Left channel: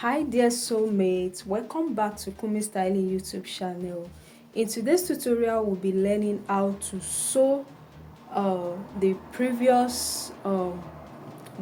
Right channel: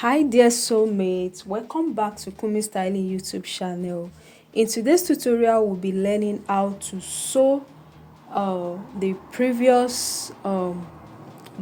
Hi dear soulmates, welcome back to Kunmi Styling YouTube channel. In today's tutorial, we'll be learning how to sew the previous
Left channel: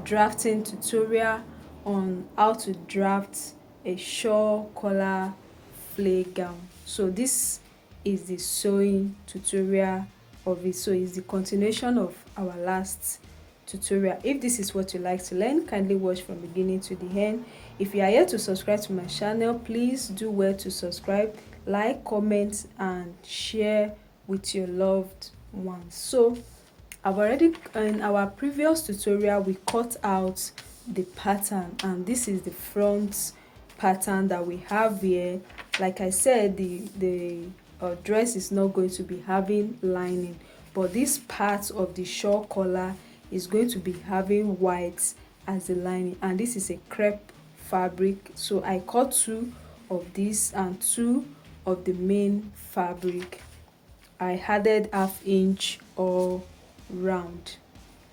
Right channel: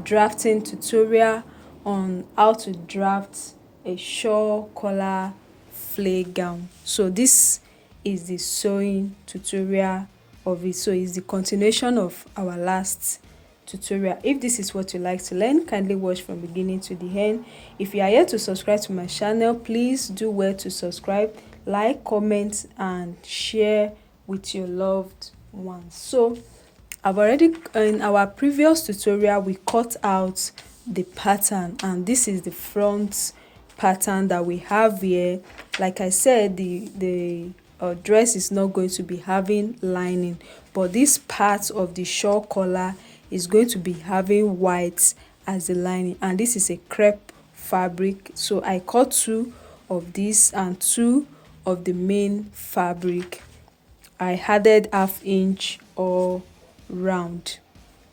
drafting tutorial on how to draft a shawl collar flay gown. So this is the sewing tutorial of it. So it's the continuation of our last tutorial. If this is what you like to learn, kindly watch from beginning to the end. If you are here to subscribe to my channel, please do well to subscribe, like, comment and share with your loved ones. So I've already, in our previous tutorial, we cut out the pattern, and this is the front pattern that we have here. Like I said, the dress is not going to be having lining, but this part of the shawl collar is going to be having white as the lining, and this is a crepe fabric. So I cut two of this and two of the main fabric. I added ½ inch all round.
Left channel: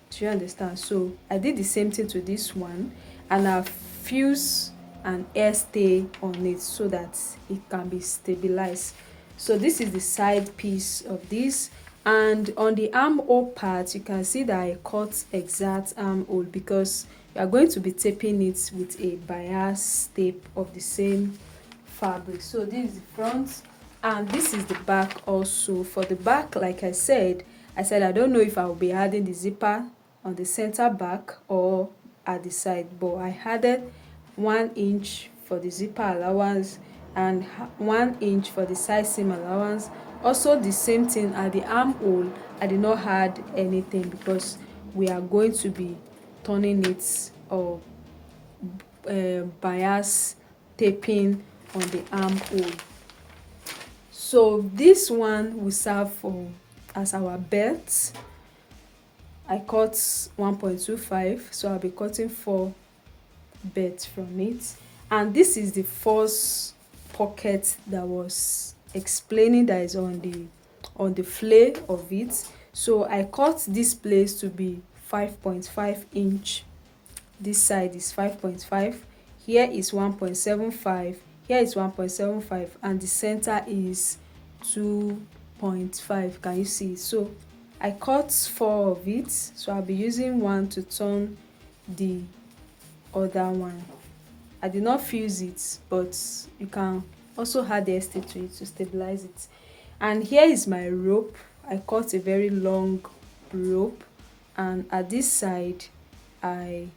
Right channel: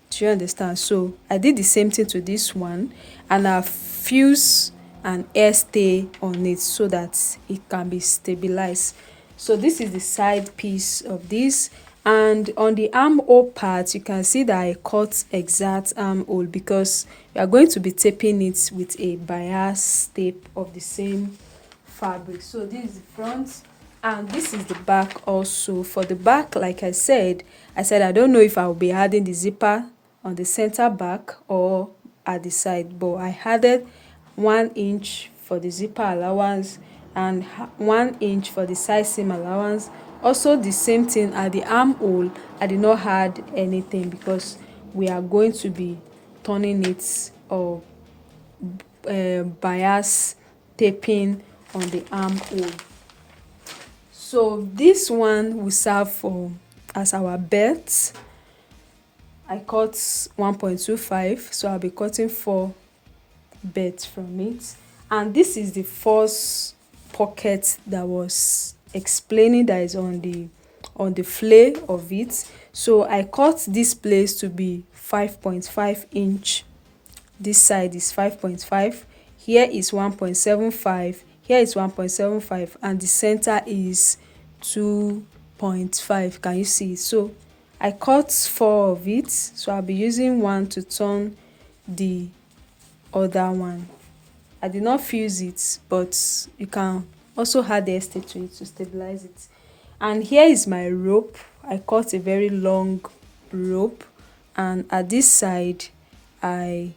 Do you understand? So I did the same thing to this one, and I fuse an hair stay on it so that it can be stabilized. So this is the side piece of this, and on the armhole part you can see that I cut exact armhole because we are going to be taping it with a bias tape of the same fabric. So this is the front and this is the back also. For the back, like I said I don't know if I'll be adding the zipper on the center back or at the side, but I added 1 inch for the zipper allowance and 1 inch for the side seam allowance. Also the same thing at the armhole, I did not add anything because we are going to be turning it or bias taping on the armhole. So this one will serve for as our belt. I cut 1.25, so I'll be cutting 4 belts from it. And this is the first pocket that was explaining that is on the flay of it. So I cut this place to be 5.5 inch. This side is 5.5, here is 1.75, here is 1.75, and the center is 2.5. Can you see? So I cut 4 of it, so I'll be using one to turn the other one. I did not fuse it, but you can also add the stay to it to stabilize it. And here is my rope. I cut a very long rope, and at this side I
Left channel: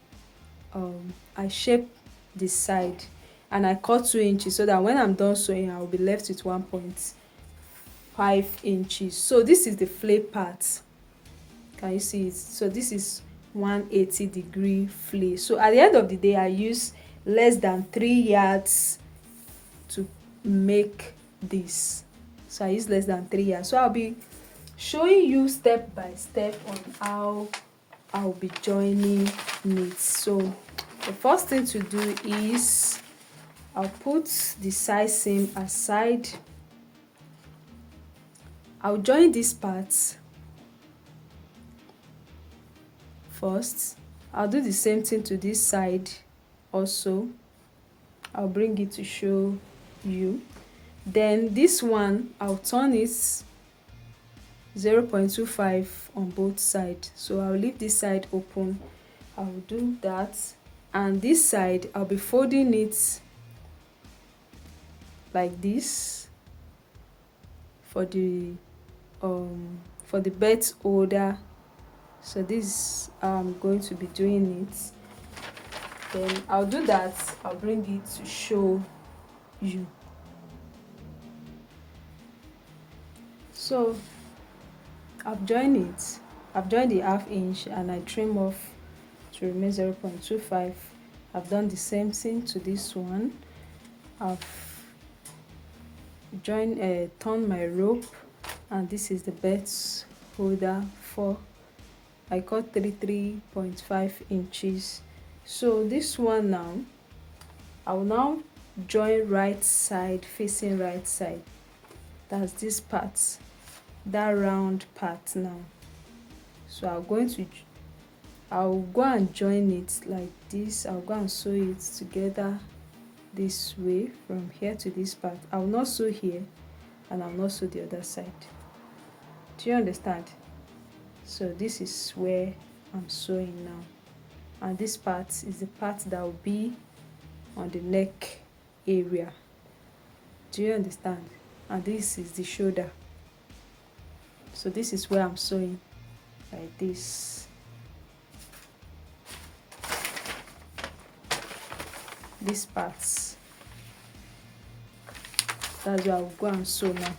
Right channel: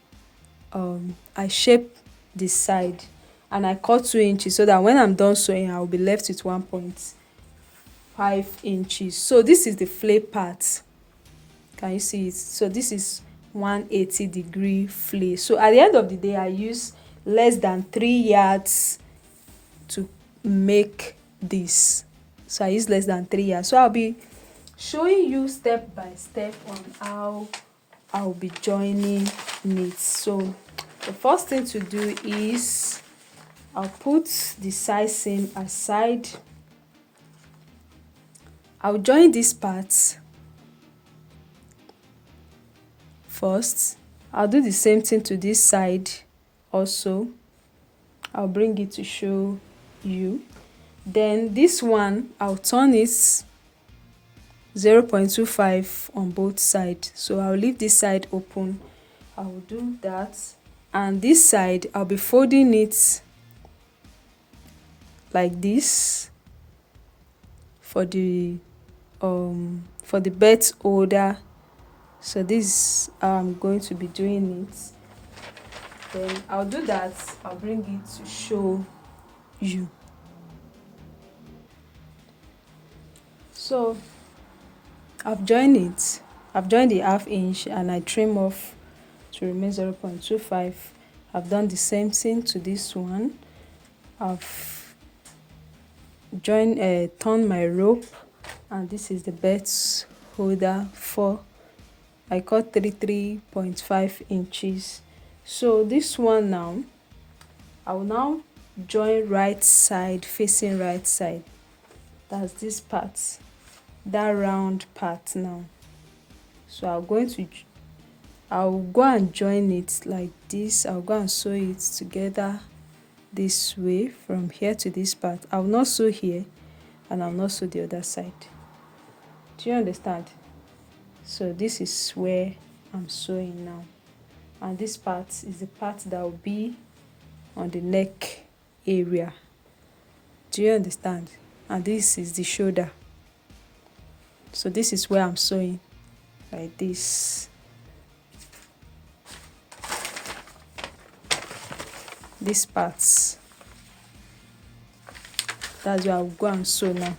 shape the side and I cut 2 inches so that when I'm done sewing I will be left with 1.5 inches. So this is the flay part. Can you see it? So this is 180-degree flay. So at the end of the day I use less than 3 yards to make this. So I use less than 3 yards. So I'll be showing you step by step on how I'll be joining it. So the first thing to do is I'll put the side seam aside. I'll join this part first. I'll do the same thing to this side also. I'll bring it to show you. Then this one I'll turn it 0.25 on both sides. So I'll leave this side open. I'll do that, and this side I'll be folding it like this for the belt holder. So this is how I'm going to be doing it. Then I'll do that. I'll bring it to show you. So I've joined it. I've joined the ½ inch and I trim off to remain 0.25. I've done the same thing to this one. I've turned my rope, and this is the belt holder for I cut 3.5 inches. So this one now, I will now join right side facing right side. That's this part, that round part now. So I'll go and join it like this. I'll go and sew it together this way from here to this part. I will not sew here and I will not sew the other side. Do you understand? So this is where I'm sewing now, and this part is the part that will be on the neck area. Do you understand? And this is the shoulder. So this is where I'm sewing like this. These parts, that's where I'll go and sew now.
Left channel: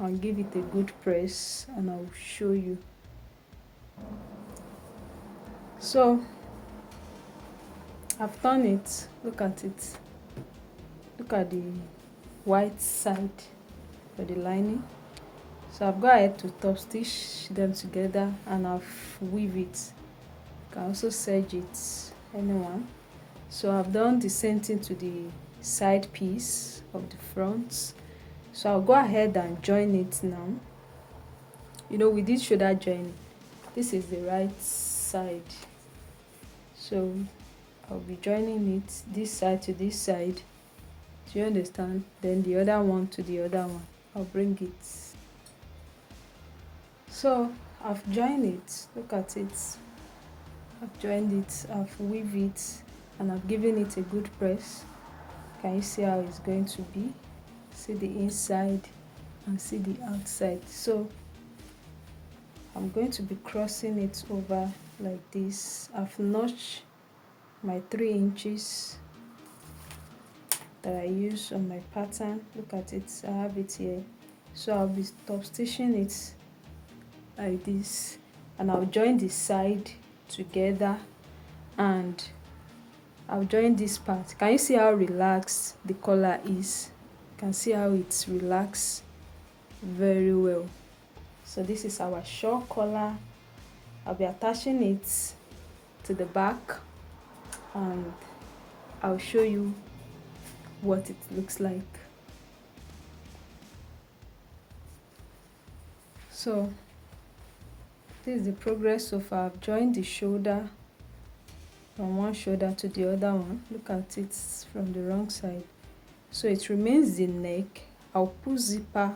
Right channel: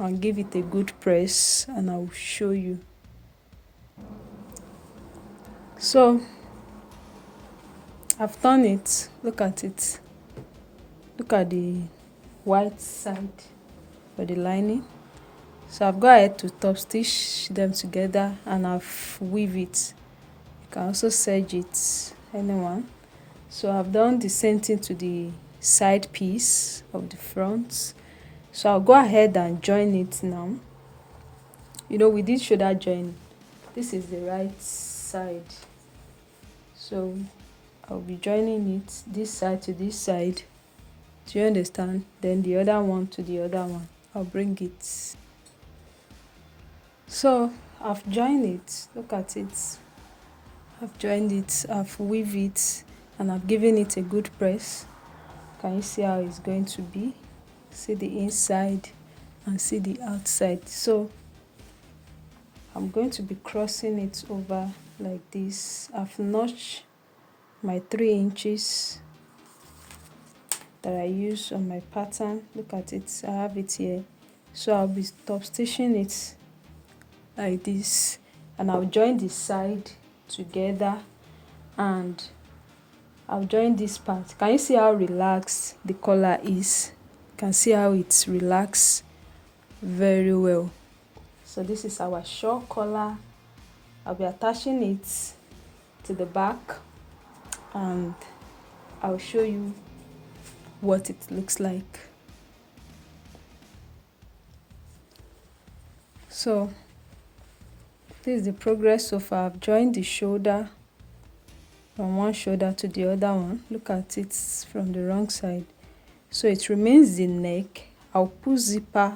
I'll give it a good press and I'll show you. So I've done it. Look at it. Look at the white side for the lining. So I've got ahead to top stitch them together and I've weave it. You can also serge it, anyone. So I've done the same thing to the side piece of the front. So I'll go ahead and join it now. You know, we did shoulder join. This is the right side. So I'll be joining it this side to this side. Do you understand? Then the other one to the other one. I'll bring it. So I've joined it. Look at it. I've joined it. I've weaved it and I've given it a good press. Can you see how it's going to be? See the inside and see the outside. So I'm going to be crossing it over like this. I've notched my 3 inches that I use on my pattern. Look at it, I have it here. So I'll be top stitching it like this and I'll join the side together and I'll join this part. Can you see how relaxed the collar is? You can see how it's relaxed very well. So this is our shawl collar. I'll be attaching it to the back and I'll show you what it looks like. So this is the progress so far. I've joined the shoulder from one shoulder to the other one. Look at it from the wrong side. So it remains the neck. I'll put zipper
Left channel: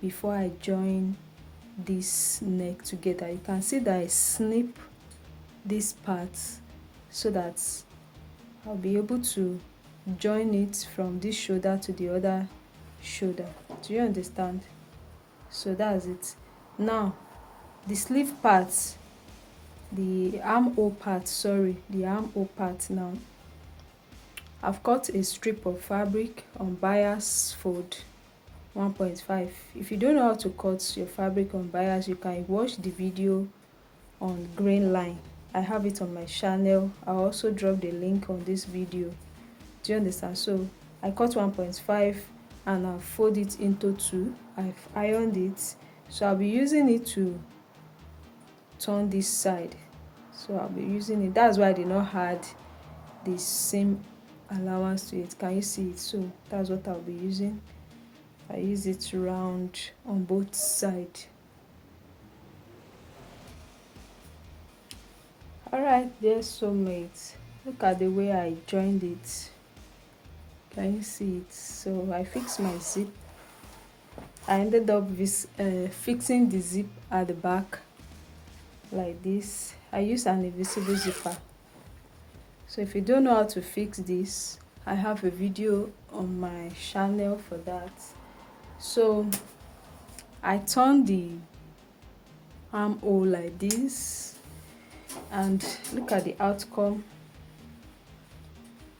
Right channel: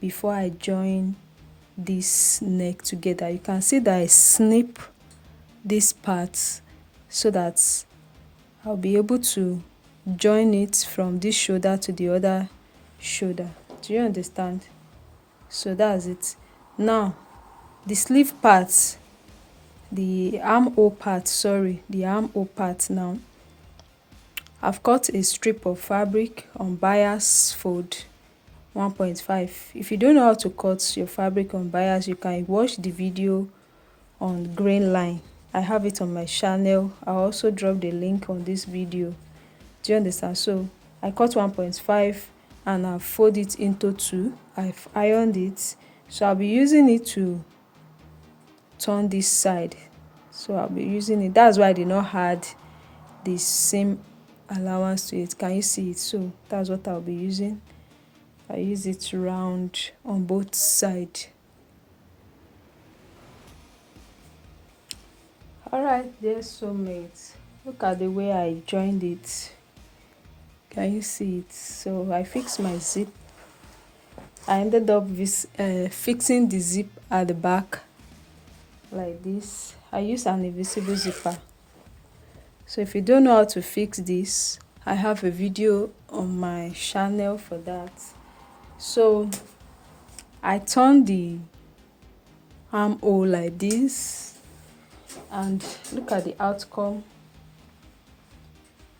before I join this neck together. You can see that I snip this part so that I'll be able to join it from this shoulder to the other shoulder. Do you understand? So that's it. Now the sleeve part, the armhole part, the armhole part. Now I've cut a strip of fabric on bias fold 1.5. If you don't know how to cut your fabric on bias, you can watch the video on grain line. I have it on my channel. I'll also drop the link on this video. Do you understand? So I cut 1.5 and I'll fold it into 2. I've ironed it. So I'll be using it to turn this side. So I'll be using it. That's why I did not add the same allowance to it. Can you see it? So that's what I'll be using. I use it round on both sides. Alright, dear soulmates, look at the way I joined it. Can you see it? So I fixed my zip. I ended up fixing the zip at the back like this. I used an invisible zipper. So if you don't know how to fix this, I have a video on my channel for that. So I turned the armhole like this and look at the outcome.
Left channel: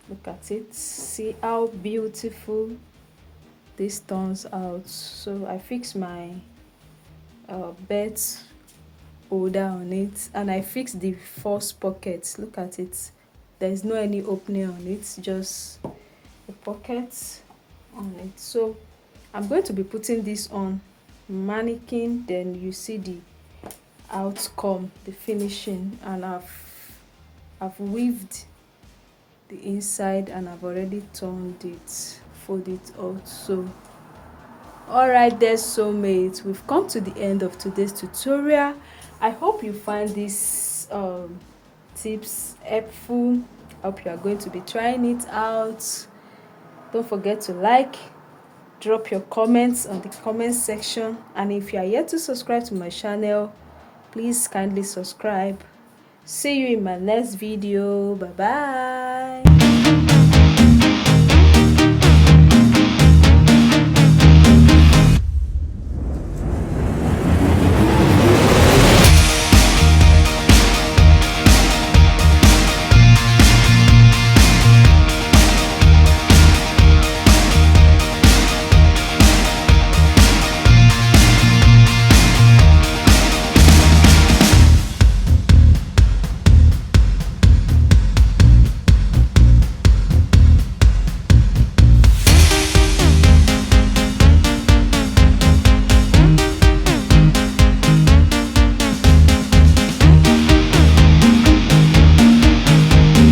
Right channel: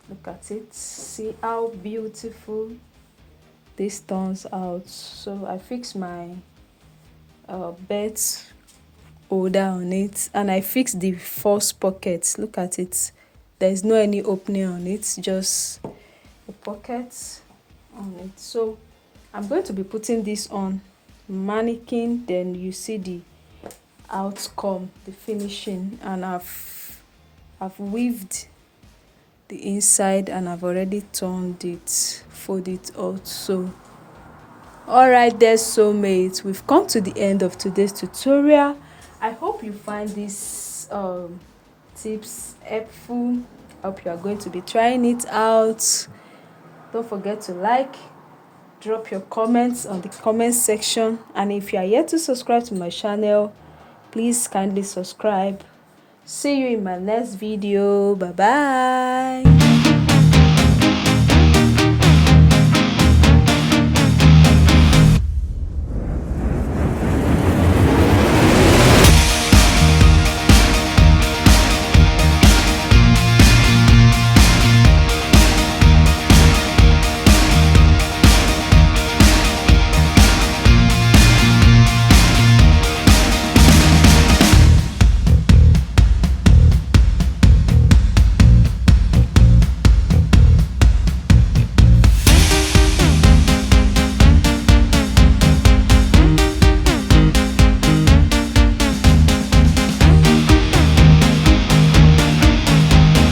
Look at it. See how beautiful this turns out. So I fixed my belt holder on it and I fixed the false pockets. Look at it. There is no any opening on it, just a pocket on it. So I'm going to be putting this on mannequin, then you see the outcome, the finishing, and I've weaved the inside and I've already turned it, folded it out. So alright there soulmates, we've come to the end of today's tutorial. I hope you find these tips helpful I hope you are going to be trying it out. Don't forget to like, drop your comments on the comment section, and if you are yet to subscribe to my channel, please kindly subscribe. See you in my next video. Bye bye.